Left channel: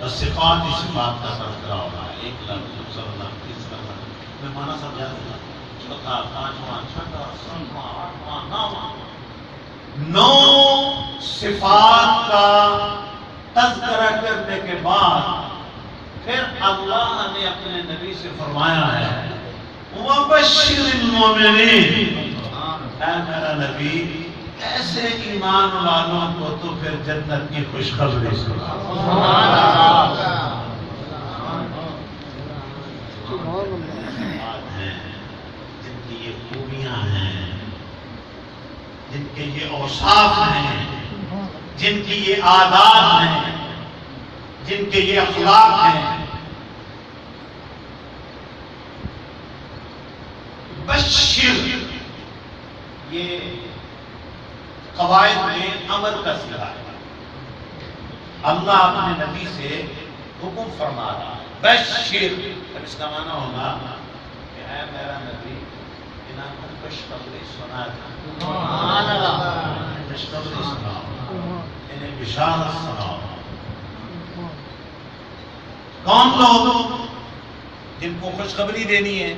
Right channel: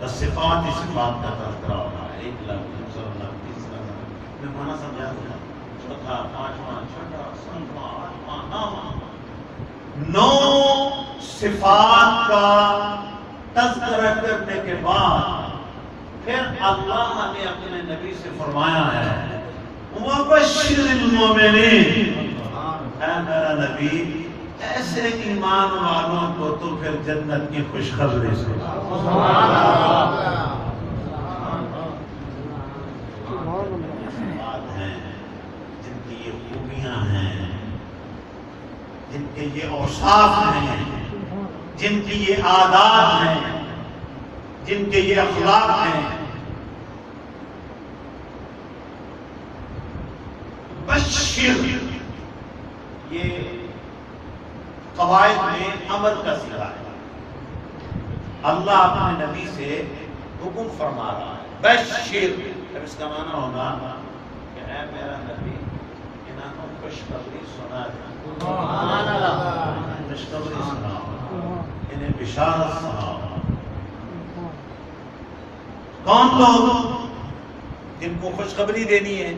بس صفات ہی صفات کا تذکرہ ہو رہا ہے. 1 لاکھ 2 لاکھ 3 لاکھ میں مانا سمجھا دوں گا. چوتھا پانچواں چھٹا ساتواں آٹھواں نو صفات کا تذکرہ کرنے کے بعد پھر اللہ نے اپنے نبی سے فرمایا ہے وَبَشِّرِ الْمُؤْمِنِينَ، اے میرا نبی ایسے ایمان والوں کو تو پھر جنت کی خوشخبری سنا. ہیں جن کی یہ خوبیاں ہیں، جن کے یہ اوصاف ہیں، جن کی یہ عادات ہیں، جن کے یہ اخلاق ہیں. بشر یہ قواعد میں امر کا صیغہ ہے. اللہ اپنے نبی سے حکم فرما رہا ہے بشر. اب اس کا معنی ہوگا کہ اے میرا نبی انہاں کو خوشخبری سنا دے. سبحان اللہ. خوشخبری سناؤ، انہیں بشارت سناؤ. کون لوگ جن کو خوشخبری دینی ہے؟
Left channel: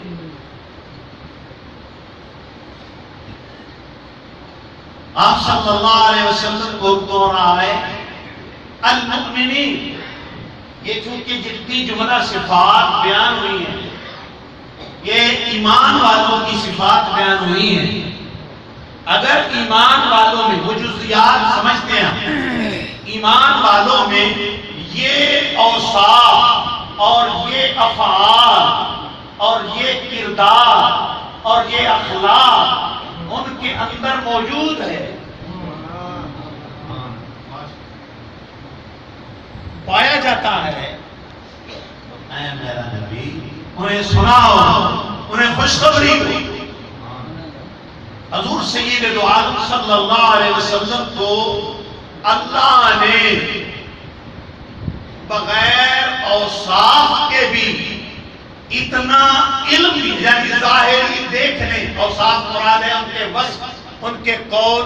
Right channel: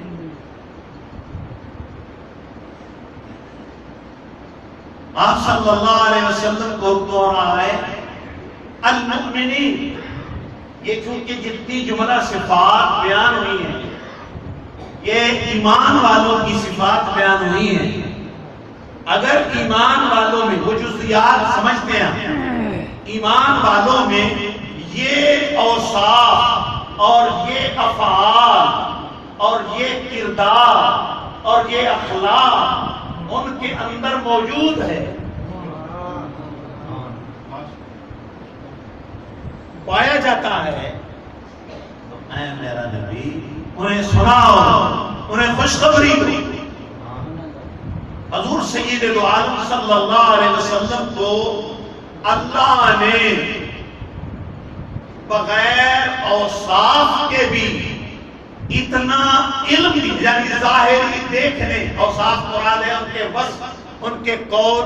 آپ صلی اللہ علیہ وسلم کو دور آئے المؤمنین. یہ چونکہ جتنی جملہ صفات بیان ہوئی ہیں یہ ایمان والوں کی صفات بیان ہوئی ہیں. اگر ایمان والوں میں وہ جزیات سمجھتے ہیں، ایمان والوں میں یہ اوصاف اور یہ افعال اور یہ کردار اور یہ اخلاق ان کے اندر موجود ہے، پایا جاتا ہے، تو اے میرا نبی انہیں سناؤ، انہیں خوشخبری دو. حضور سید دو عالم صلی اللہ علیہ وسلم کو اللہ نے بغیر اوصاف کے بھی اتنا علم دی، یعنی ظاہری دیکھ لیں اوصاف مراد ہے ان کے وصف، ان کے قول،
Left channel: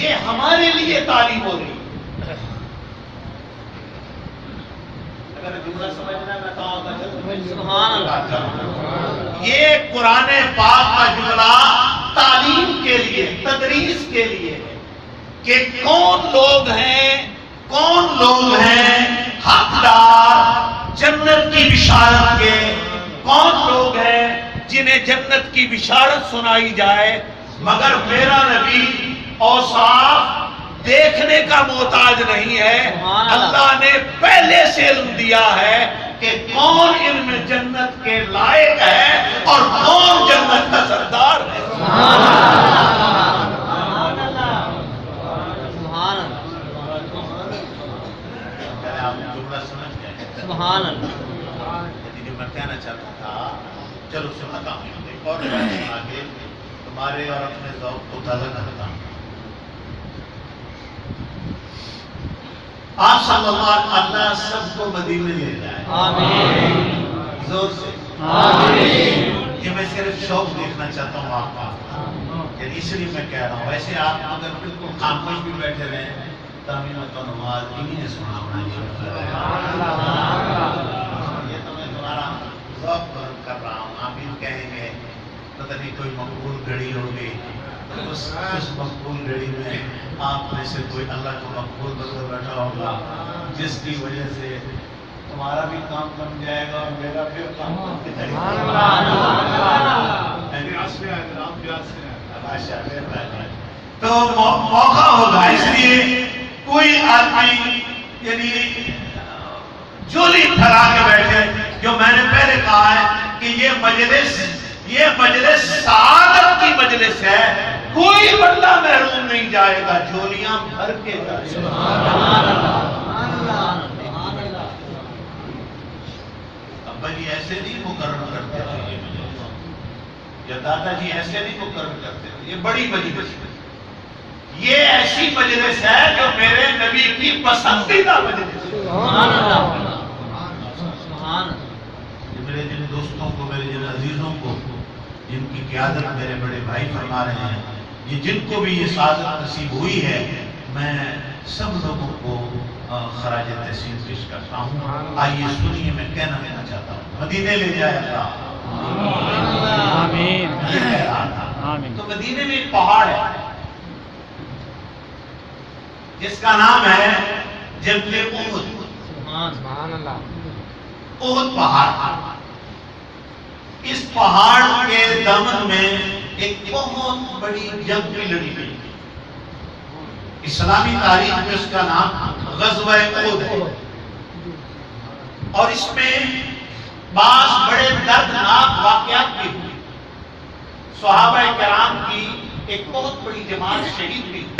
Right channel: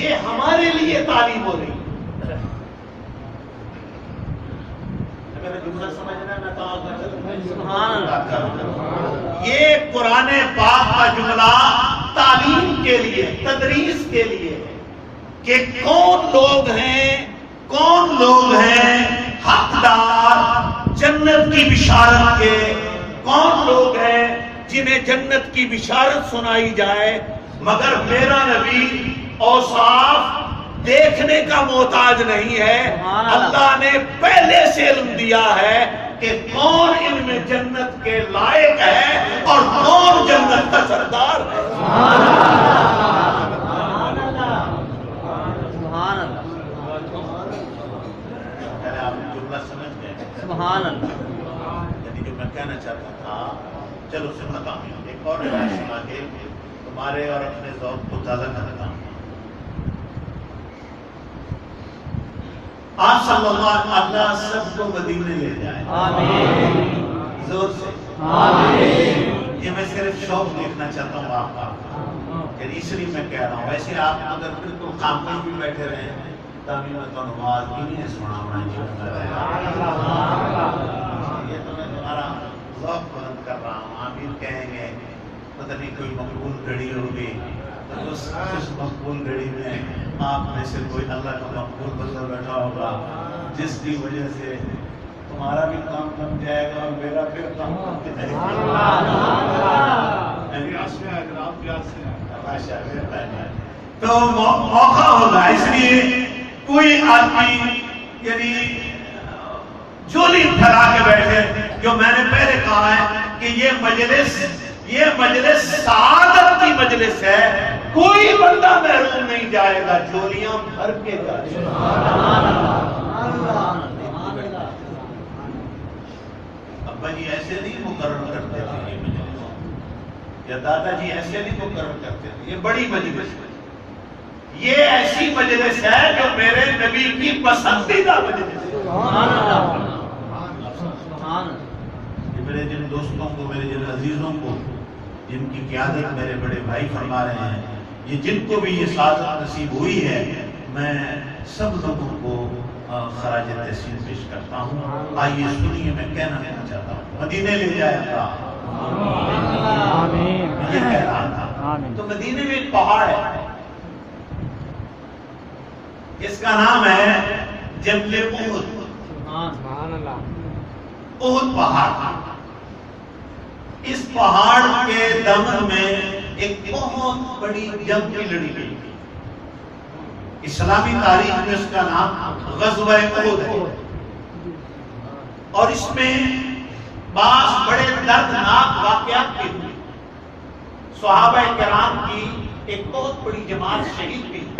یہ ہمارے لیے تعلیم ہو رہی ہے. اگر جملہ سمجھنا میں سبحان اللہ. یہ قرآن پاک کا جملہ تعلیم کے لیے، تدریس کے لیے کہ کون لوگ ہیں حقدار جنت کی بشارت کے، کون لوگ ہیں جنہیں جنت کی بشارت سنائی جائے. مگر میرا نبی اوصاف دیکھنے کا محتاج نہیں ہے. اللہ نے پہلے سے علم دیا ہے کہ کون ان میں جنت کے لائق ہے اور کون جنت کا سردار ہے. سبحان اللہ. یعنی جو میں کہنا چاہتا تھا، چلو سناتا ہوں ایک اور بات سنا کے تمہارے اور اپنے ذوق کو تازہ کرتا ہوں. آپ صلی اللہ سب کو مدینے لے جائے. آمین. زور سے آمین. یہ میں صرف شوق دیکھنا چاہتا ہوں آپ کا، یعنی اس لیے میں کہہ رہا ہوں. ویسے آپ اگر بالکل خاموش بھی بیٹھے رہے تبھی میں تو نماز بھی نہیں سنا ہونا چاہیے. یہ تو میں تمہارا ذوق بلند کر رہا ہوں. آمین کہیں گے، پتہ نہیں کوئی مقبول گھڑی ہوگی، اس مقبول گھڑی میں آپ میں سے کوئی اللہ کا مقبول بندہ بیٹھا ہوگا جس کی وجہ سے تمہارا بھی کام کم جائے گا اور میرا بھی کام کم جائے گا. تو موقع ہوگا، اس لیے کوئی آدمی یعنی جولی پھیلا کے بیٹھے. جو میں نے پہلے کہا ہے کہ یہ مجلس سعادت کی مجلس ہے. کوئی بندہ محروم نہیں جائے گا، جولیاں بھر کے جائے گا. ابا جی ایسے نہیں مقرر کرتے تھے یا دادا جی ایسے نہیں مقرر کرتے تھے. یہ بڑی مجلس ہے، یہ ایسی مجلس ہے جو میرے نبی کی پسندیدہ مجلس ہے. میرے جن دوستوں کو، میرے جن عزیزوں کو جن کی قیادت میرے بڑے بھائی فرما رہے ہیں، یہ جن کو بھی یہ سعادت نصیب ہوئی ہے، میں سب لوگوں کو خراج تحسین پیش کرتا ہوں. آئیے سنیے میں کہنا چاہتا ہوں. مدینے لے جائے گا آمین آمین. تو مدینے میں ایک پہاڑ ہے جس کا نام ہے جبل احد. سبحان اللہ. احد پہاڑ. اس پہاڑ کے دمن میں ایک بہت بڑی جنگ بھی لڑی گئی. اسلامی تاریخ میں اس کا نام غزوہ احد ہے. اور اس میں بعض بڑے دردناک واقعات بھی ہوئے. صحابہ کرام کی ایک بہت بڑی جماعت شہید بھی ہوئی.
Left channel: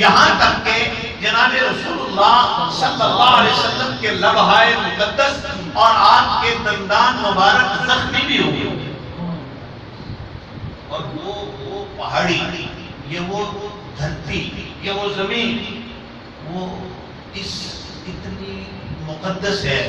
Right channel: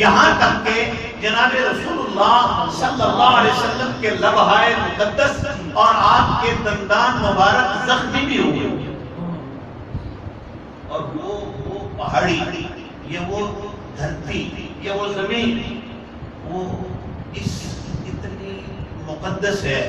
یہاں تک کہ جناب رسول اللہ صلی اللہ علیہ وسلم کے لبہائے مقدس اور آپ کے دندان مبارک زخمی بھی ہوئے. اور وہ پہاڑی، یہ وہ دھرتی، یہ وہ زمین، وہ اس اتنی مقدس ہے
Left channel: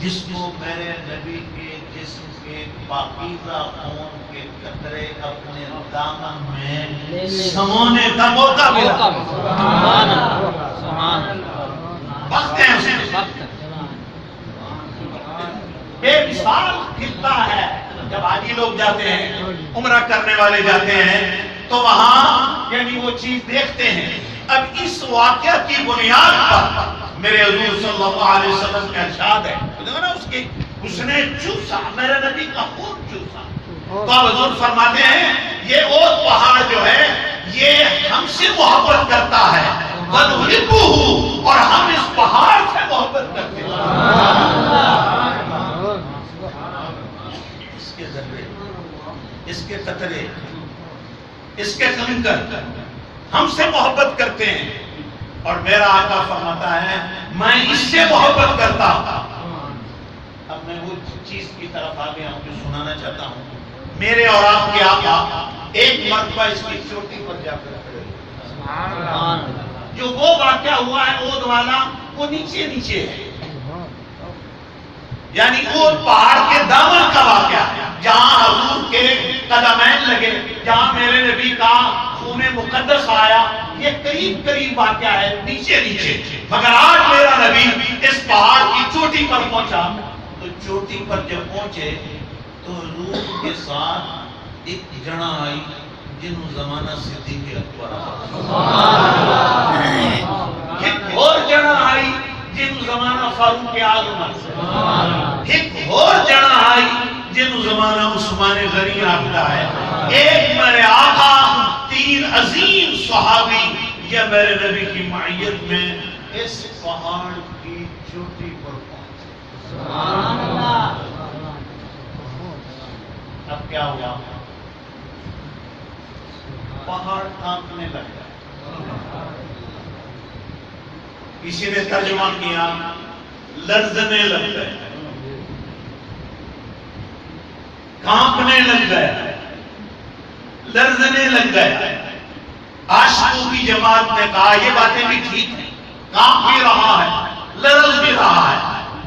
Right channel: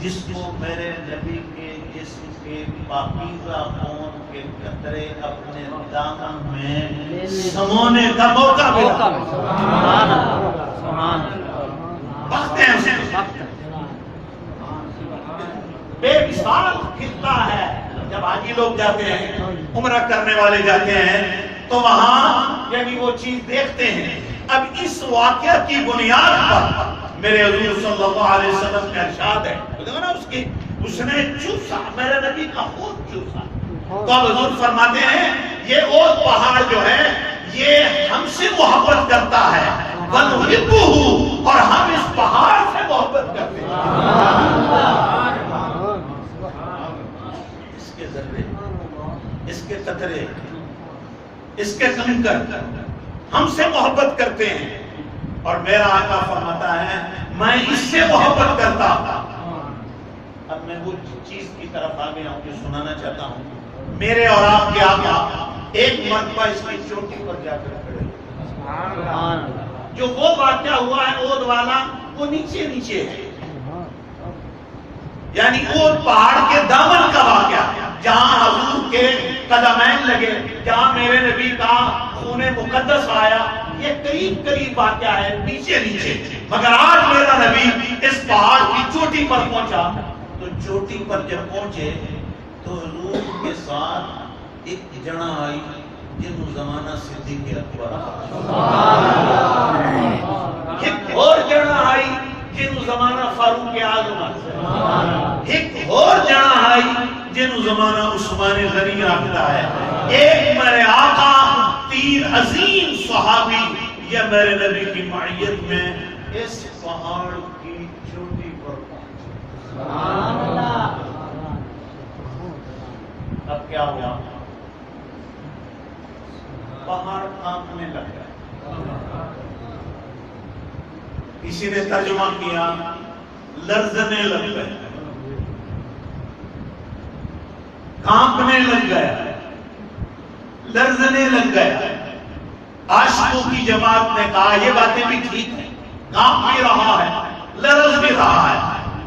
جس کو میرے نبی کے جسم کے پاکیزہ خون کے قطرے اپنے دامن میں سمونے کا موقع ملا. سبحان اللہ سبحان اللہ. وقت ہے اسے بے مثال خطہ ہے. جب حاجی لوگ جاتے ہیں، عمرہ کرنے والے جاتے ہیں، تو وہاں یعنی وہ چیز دیکھتے ہیں. اب اس واقعہ کی بنیاد پر میرے حضور صلی اللہ علیہ وسلم کا ارشاد ہے. دیکھو نا اس نے چوسا، میرے نبی کا خون چوسا. تو اب حضور فرماتے ہیں یہ احد پہاڑ جو ہے یہ ہم سے محبت کرتا ہے، وَنُحِبُّهُ، اور ہم اس پہاڑ سے محبت کرتے ہیں. اس کے ذرے، اس کے قطرے، اس کے کنکر ہم سے محبت کرتے ہیں. اور میرا آقا فرماتا ہے میں اس سے محبت کرتا ہوں. اب میں وہ چیز کی طرف آ گیا ہوں جو سنانا چاہتا ہوں. میرے اور آپ کے آقا ایک مرتبہ اس کی چوٹی پر جا کر کھڑے ہوئے. جو وہ واقعہ ہوا ہے احد والا، وہ نیچے نیچے ہے. یعنی احد پہاڑ کے دامن کا واقعہ، جہاں حضور کے قدمین لگے، جہاں میرے نبی کا خون مقدس آیا، یہ قریب قریب واقعہ ہے، نیچے نیچے. مگر آج میرا نبی اس پہاڑ کی چوٹی پر پہنچا. تو چوٹی پر جب پہنچے تو حضور کے ساتھ ایک جنا آئی جنہوں زمانہ صدیق اکبر، ایک اور جنا آئی جنہوں زمانہ فاروق اعظم، ایک اور جنا آئی جنہوں زمانہ عثمان غنی آتا ہے. ایک میرے آقا، تین عظیم صحابی یہ میرے نبی کی معیت میں اس پہاڑ کی چوٹی پر پہنچے. اب کیا ہوا؟ پہاڑ کانپنے لگ گیا. کسی نے ترجمہ کیا لرزنے لگ گئے، کانپنے لگ گیا، لرزنے لگ گیا. عاشقوں کی جماعت نے کہا یہ باتیں بھی ٹھیک ہیں، کانپ بھی رہا ہے، لرز بھی رہا ہے.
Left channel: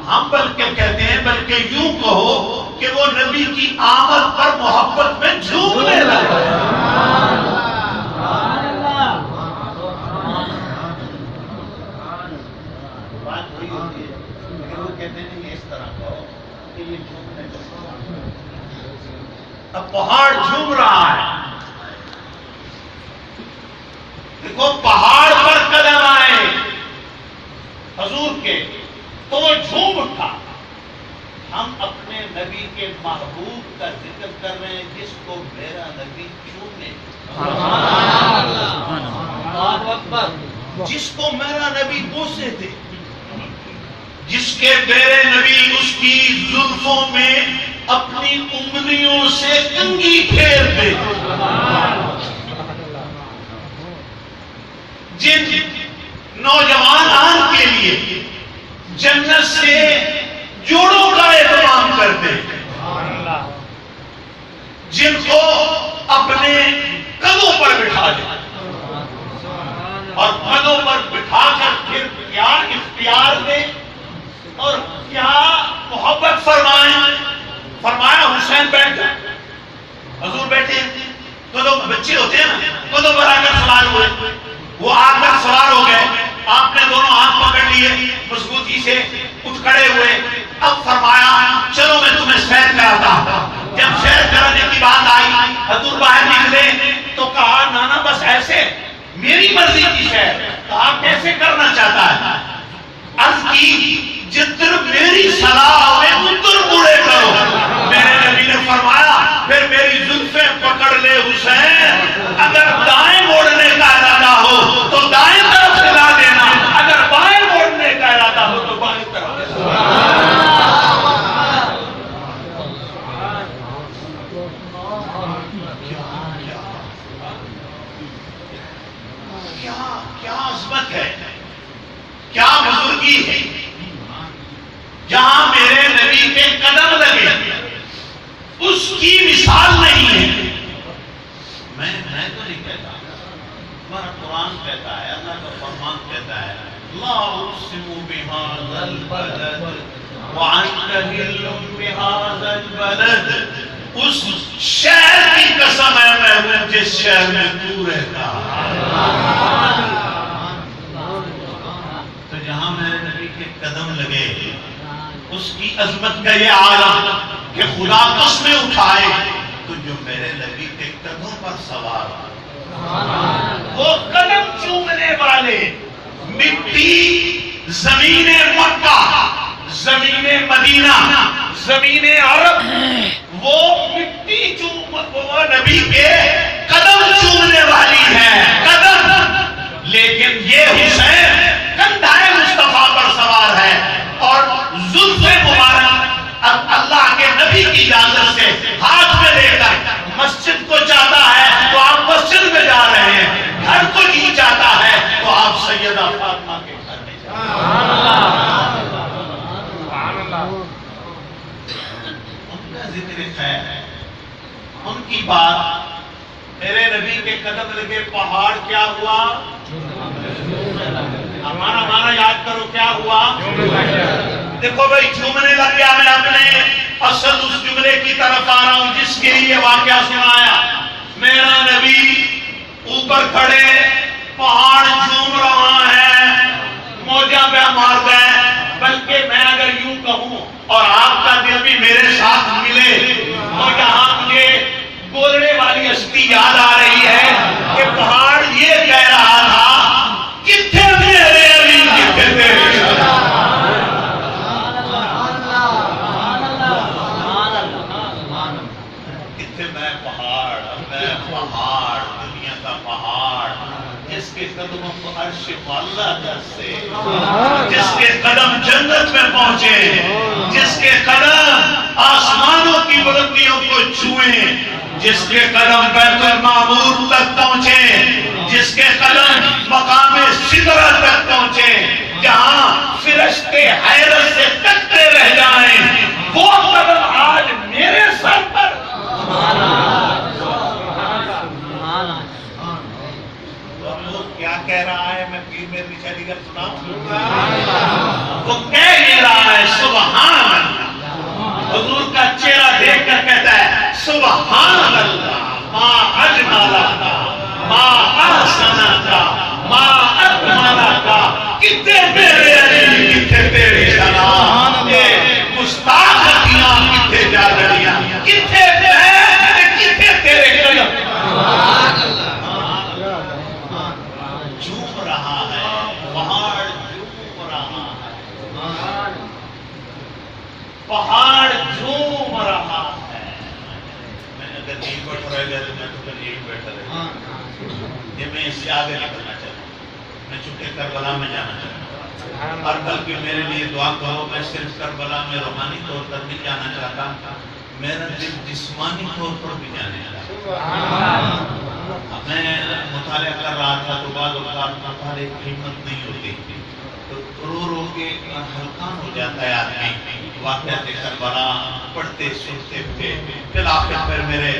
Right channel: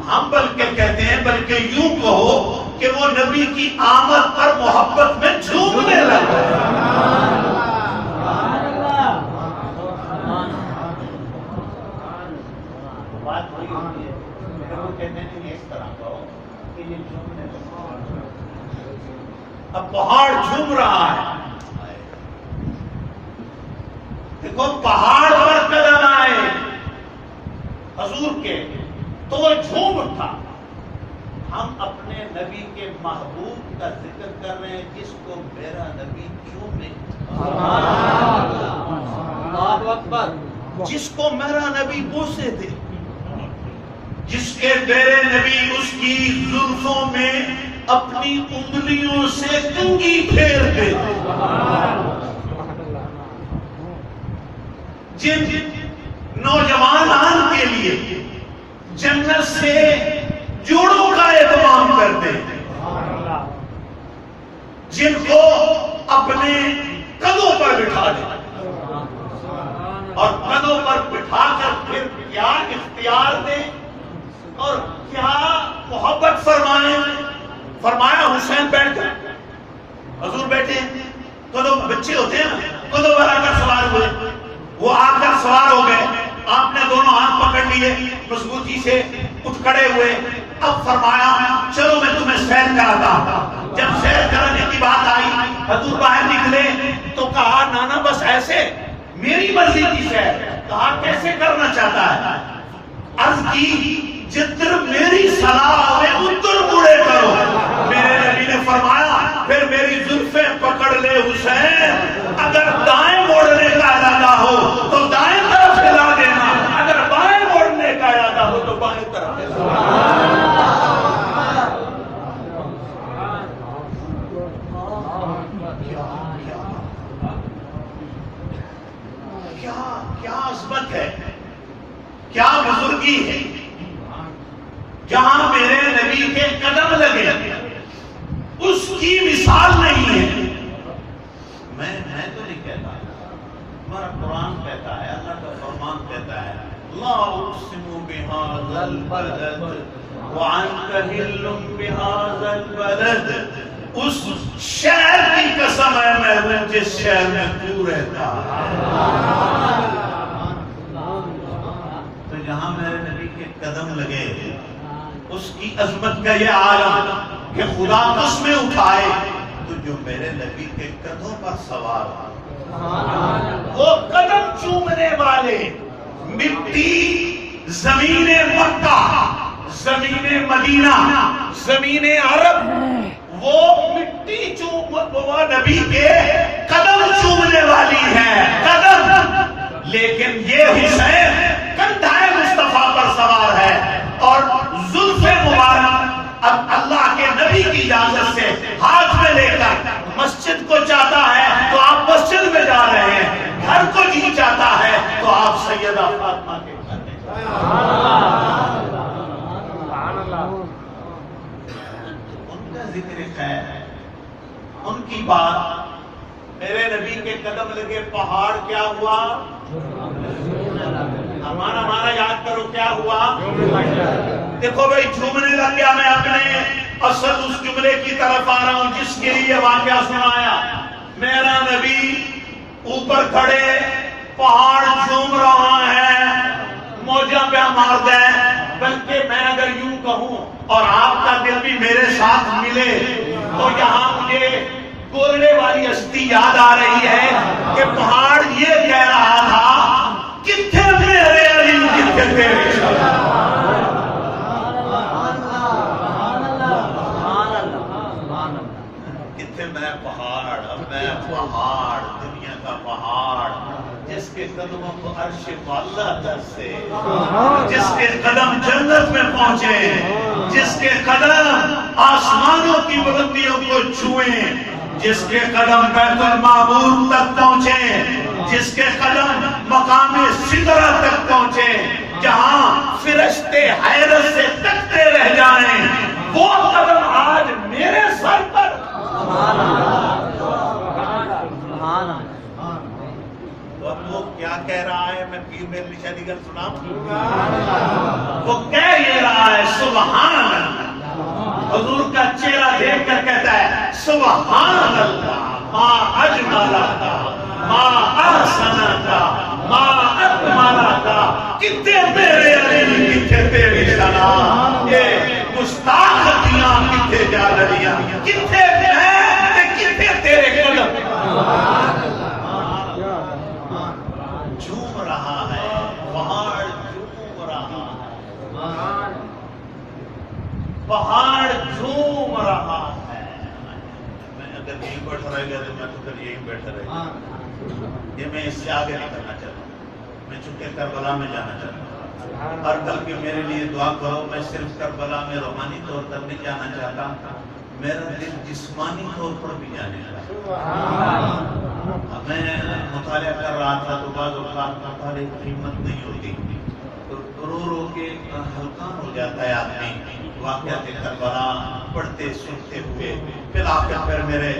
ہم بلکہ کہتے ہیں بلکہ یوں کہو کہ وہ نبی کی آمد پر محبت میں جھومنے لگا. بات وہی ہوتی ہے لیکن وہ کہتے ہیں کہ اس طرح کہو کہ یہ جھومنے لگا. اب پہاڑ جھوم رہا ہے. دیکھو پہاڑ پر قدم آئے حضور کے تو وہ جھوم اٹھا. ہم اپنے نبی کے محبوب کا ذکر کر رہے ہیں جس کو میرا نبی چومے، جس کو میرا نبی بوسے تھے، جس کے میرے نبی اس کی زلفوں میں اپنی انگلیوں سے کنگھی پھیرتے، جن نوجوانان کے لیے جنت سے جوڑوں کا اہتمام کرتے، جن کو اپنے قدموں پر بٹھا دے اور قدموں پر بٹھا کر پھر پیار اختیار دے اور کیا محبت فرمائیں. فرمایا حسین بیٹھ جا. حضور بیٹھے ہیں تو بچے ہوتے ہیں نا، تو بڑا کر سوار ہوئے، وہ آ کر سوار ہو گئے. آپ نے دونوں ہاتھ پکڑ لیے مضبوطی سے اٹھ کھڑے ہوئے. اب فرمایا چلو میں تمہیں سیر کراتا ہوں. جب سیر کرانے کی بات آئی حضور باہر نکلے تو کہا نانا بس ایسے میری مرضی کی سیر. کہا کیسے کرنا چاہتا ہے؟ عرض کی جدھر میری صلاح ہوئے ادھر مڑے کرو. میرے نبی نے فرمایا پھر میری زلفیں پکڑ لے حسین، اگر دائیں موڑنے کا ارادہ ہو تو دائیں طرف ہلا دینا، اگر بائیں موڑنے کا ارادہ ہو تو بائیں طرف. کیا عظمت ہے، کیا بزرگی ہے. جہاں میرے نبی کے قدم لگے اس کی مثال نہیں ہے. میں تو نہیں کہتا، ہمارا قرآن کہتا ہے، اللہ کا فرمان کہتا ہے لا اقسم بهذا البلد وانت حل بهذا البلد. اس شہر کی قسم ہے محبوب جس شہر میں تو رہتا. تو جہاں میرے نبی کے قدم لگے اس کی عظمت کا یہ عالم کہ خدا قسمیں اٹھائے تو جو میرے نبی کے قدم پر سوار وہ قدم چومنے والے مٹی زمین مکہ، زمین مدینہ، زمین عرب، وہ مٹی وہ نبی کے قدم چومنے والی ہے قدم. لیکن یہ حسین کندھائے مصطفیٰ پر سوار ہے اور زلف مبارک اب اللہ کے نبی کی اجازت سے ہاتھ میں لے کر مسجد کو جاتا ہے تو آپ مسجد میں جا رہے ہیں، گھر کو نہیں جاتا ہے تو آپ سیدہ فاطمہ کے گھر میں جا رہے ہیں. ان کا ذکر خیر، ان کی بات. میرے نبی کے قدم لگے پہاڑ کیا ہوا؟ ہمارا یاد کرو کیا ہوا؟ دیکھو بھائی جھومنے لگ گیا. میں اپنے اصل اس جملے کی طرف آ رہا ہوں جس کے لیے واقعہ سنایا. میرا نبی اوپر کھڑے، پہاڑ جھوم رہا ہے، موجاں پہ مار گئے. بلکہ میں اگر یوں کہوں اور آپ کا دل بھی میرے ساتھ ملے تو یہاں مجھے گولڑے والی ہستی یاد آ رہی ہے کہ پہاڑ یہ کہہ رہا تھا کتنے میرے علی کتنے تیرے شاہ. کتنے میں پہاڑ دنیا کا پہاڑ جس کے قدموں کو عرش معلیٰ سے، جس کے قدم جنت میں پہنچے، جس کے قدم آسمانوں کی بلندیوں کو چھوئیں، جس کے قدم بیت المعمور تک پہنچے، جس کے قدم مقام سدرہ تک پہنچے، جہاں فرشتے حیرت سے تکتے رہ جائیں، وہ قدم آج میرے سر پر. وہ کیا کہہ رہا ہے؟ میں پیر میں نشانی گل سنا. وہ کہہ یہ رہا ہے سبحان اللہ. حضور کا چہرہ دیکھ کر کہتا ہے سبحان اللہ ما اجملک ما احسنک ما اکملک. کتنے میرے علی کتنے تیرے شان. یہ گستاخیاں کتنے جا رہیاں، کتنے میں کتنے تیرے قدم. جھوم رہا ہے پہاڑ، جھوم رہا ہے پہاڑ، جھوم رہا ہے. میں اگر نہیں بیٹھ رہے گا تو میں تو پھر یہی بیٹھا رہے گا. یہ میں اس سے آگے نکلنا چاہتا ہوں. میں چونکہ کربلا میں جانا چاہتا ہوں اور کل کے میرے لیے دعا کرو. میں صرف کربلا میں روحانی طور پر نہیں جانا چاہتا، میرا دل جسمانی طور پر بھی جانے لگا. میں مطالعہ کر رہا تھا تو بعض اوقات مطالعے کی ہمت نہیں ہوتی تو رو رو کے ہلکان ہو جاتا ہے آدمی. واقعات کربلا پڑھتے سنتے ہوئے پھر آخر پر میرے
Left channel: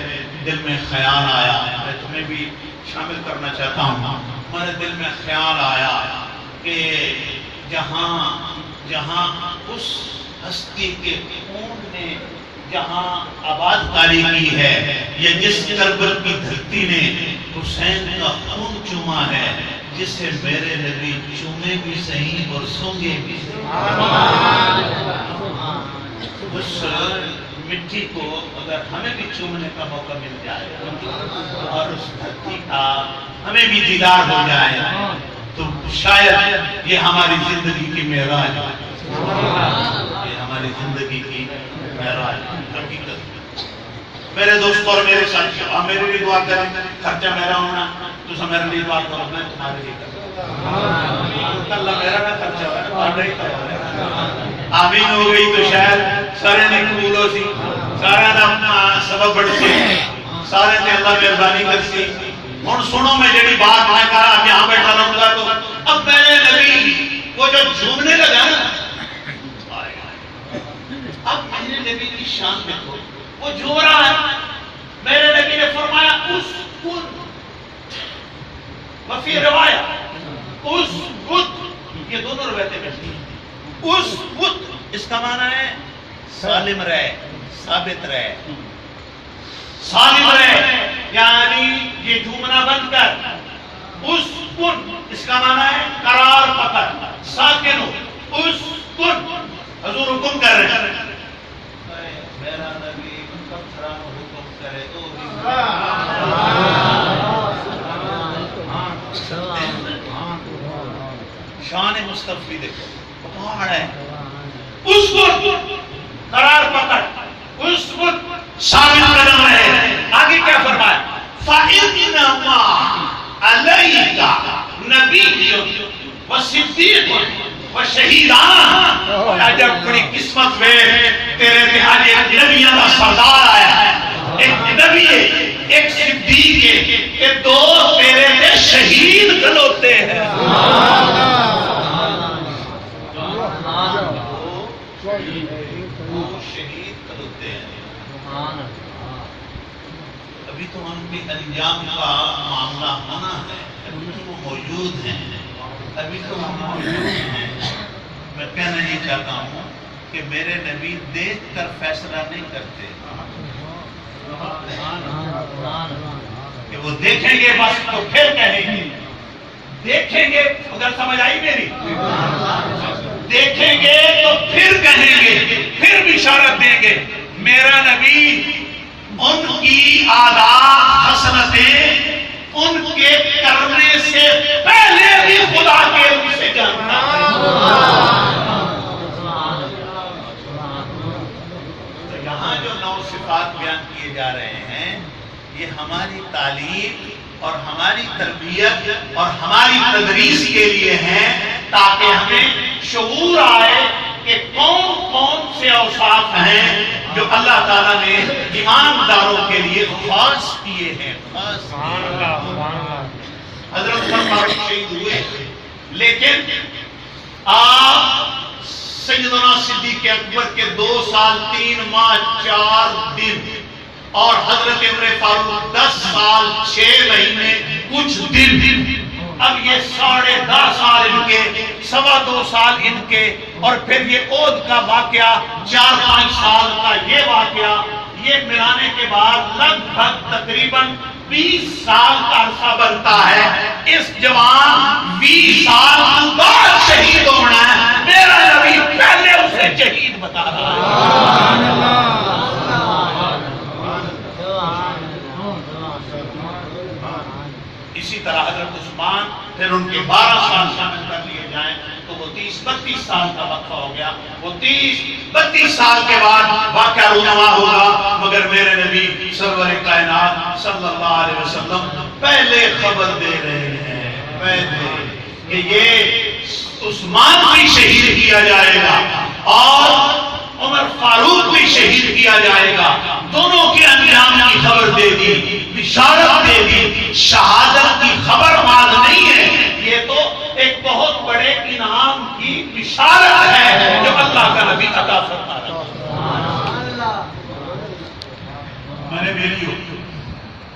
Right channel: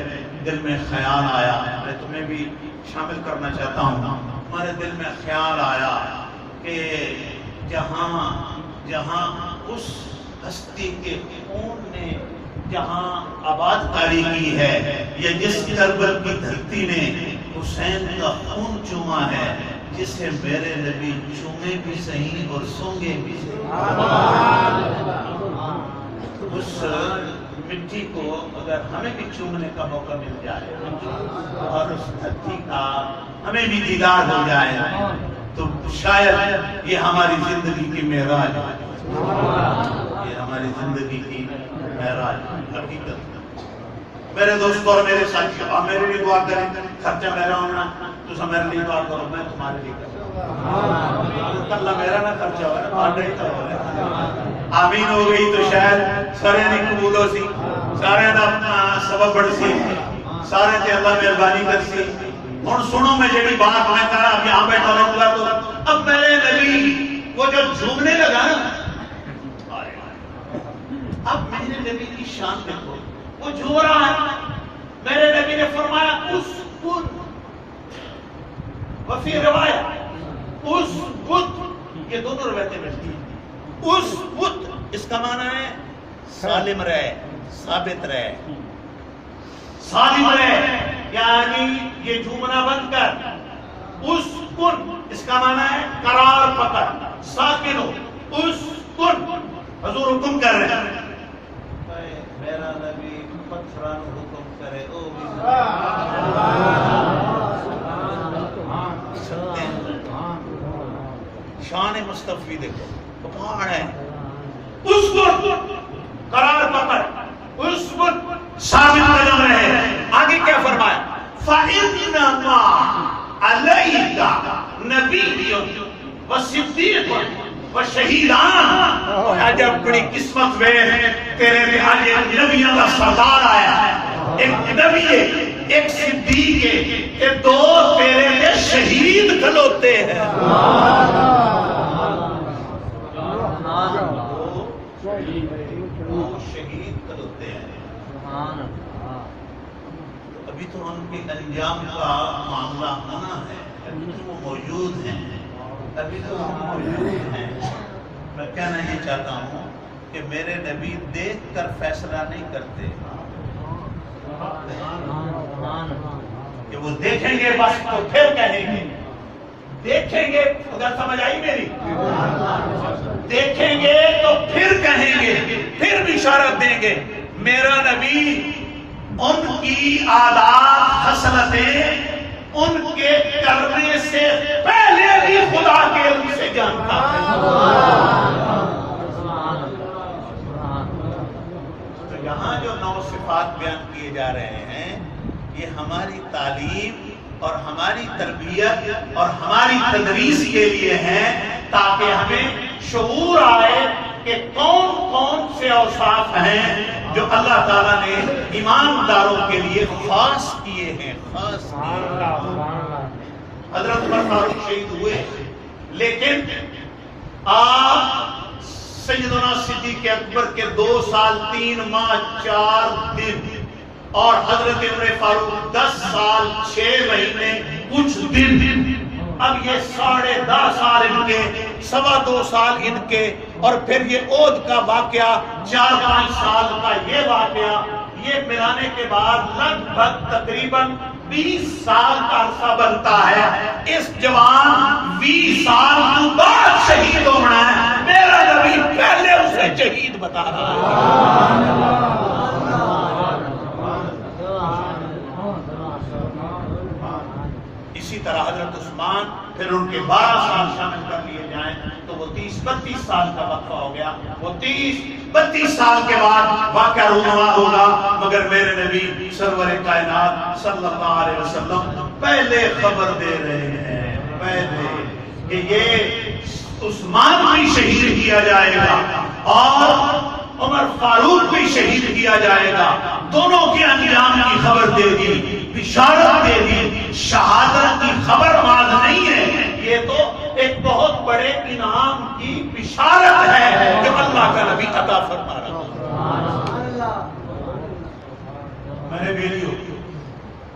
دل میں خیال آیا، میں تمہیں بھی شامل کرنا چاہتا ہوں. ہمارے دل میں خیال آیا کہ جہاں اس ہستی کے خون نے جہاں آباد کاری کی ہے، یا جس کربل کی دھرتی نے حسین کا خون چوما ہے، جسے میرے نبی چومے بھی صحیح اور سونگے بھی صحیح. اس مٹی کو اگر ہمیں بھی چومنے کا موقع مل جائے اور اس دھرتی کا ہمیں بھی دیدار ہو جائے تو شاید یہ ہماری زندگی کی معراج ہے. یہ ہماری زندگی کی معراج حقیقت. میرے دوستوں اور میرے ساتھیوں، آپ میرے لیے دعا کریں. خرچہ میرا ہونا تو سب میرے لیے دعا کرو، میں تمہارے لیے کروں. اللہ میرا نہ خرچہ ہوا ہے، پاڑا ہی کرو. آمین ہو گئی تو شاید سارے نے قبول ہو سی، سارے نے سبب بڑھ سی، سارے نے اللہ مہربانی کر سی. ہن سنو میں جڑی بات میں کہا، اب یہاں بیٹھا رہوں گا تو اب میرے نبی وہ جو جھومنے لگا نا، اب میرے نبی کی شان دیکھو، وہ جھوم رہا ہے. میرے نبی نے فرمایا اسکت، وفی روایت اسکت، یہ دونوں روایتیں ملتی ہیں. اسکت اس کا معنی ہے سالم رہے، ثابت رہے، سالم رہے، یعنی یہ جھومنا بند کر. اسکن اس کا معنی ہے قرار پکڑ، ساکن ہو. اسکن حضور حکم کر رہے ہیں، میرا نبی پتھران حکم کرے تو شان مصطفی دیکھو، پہاڑ ہے. اس کو قرار پکڑ، اس کو ثابت قدم رہے. آگے کیا فرمایا؟ فَإِنَّمَا عَلَيْكَ نَبِيٌّ وَصِدِّيقٌ وَشَهِيدًا. عجب بڑی قسمت میں تیرے پہ آج ایک نبیوں کا سردار آیا ہے، ایک نبی ہے، ایک صدیق ہے، کہ دو تیرے پہ شہید کھلوتے ہیں. وہ شہید کھلوتے ہیں. ابھی تو ان کے انجام کا معاملہ ہونا ہے، ابھی تو وہ موجود ہیں، ابھی تو وہ موجود ہیں. میں کہنا یہ چاہتا ہوں کہ میرے نبی دیکھ کر فیصلہ نہیں کرتے کہ وہ دیکھیں گے بس تو پھر کہیں گے. دیکھیں گے، اگر سمجھ آئی میری، دیکھیں گے تو پھر کہیں گے، پھر بشارت دیں گے. میرا نبی ان کی عادات حسنتیں ان کے کرنے سے پہلے بھی خدا کے علم سے جانتا ہے. تو یہاں جو 9 صفات بیان کیے جا رہے ہیں، یہ ہماری تعلیم اور ہماری تربیت اور ہماری تدریس کے لیے ہیں، تاکہ ہمیں شعور آئے کہ کون کون سے اوصاف ہیں جو اللہ تعالیٰ نے ایمانداروں کے لیے خاص کیے ہیں. حضرت عمر فاروق شہید ہوئے، لیکن آپ سیدنا صدیق اکبر کے 2 سال 3 ماہ 4 دن اور حضرت عمر فاروق 10 سال 6 مہینے کچھ دن. اب یہ 10.5 سال ان کے، 2.25 سال ان کے، اور پھر یہ عہد کا واقعہ 4-5 سال کا یہ واقعہ، یہ ملانے کے بعد لگ بھگ تقریباً 20 سال کا عرصہ بنتا ہے. اس جوان 20 سال کے بعد شہید ہونا ہے، میرا نبی پہلے اسے شہید بتا رہا ہے. اسی طرح حضرت عثمان، پھر ان کے 12 سال شامل کر لیے جائیں تو وہ 30-32 سال کا وقفہ ہو گیا. وہ 30-32 سال کے بعد واقعہ رونما ہوگا، مگر میرے نبی سرور کائنات صلی اللہ علیہ وسلم پہلے خبر دے رہے ہیں، پہلے کہ یہ عثمان بھی شہید کیا جائے گا اور عمر فاروق بھی شہید کیا جائے گا. دونوں کے انجام کی خبر دے دی، بشارت دے دی. شہادت کی خبر ماز نہیں ہے، یہ تو ایک بہت بڑے انعام کی بشارت ہے جو اللہ کا نبی عطا فرما رہا ہے. میرے بیلیوں،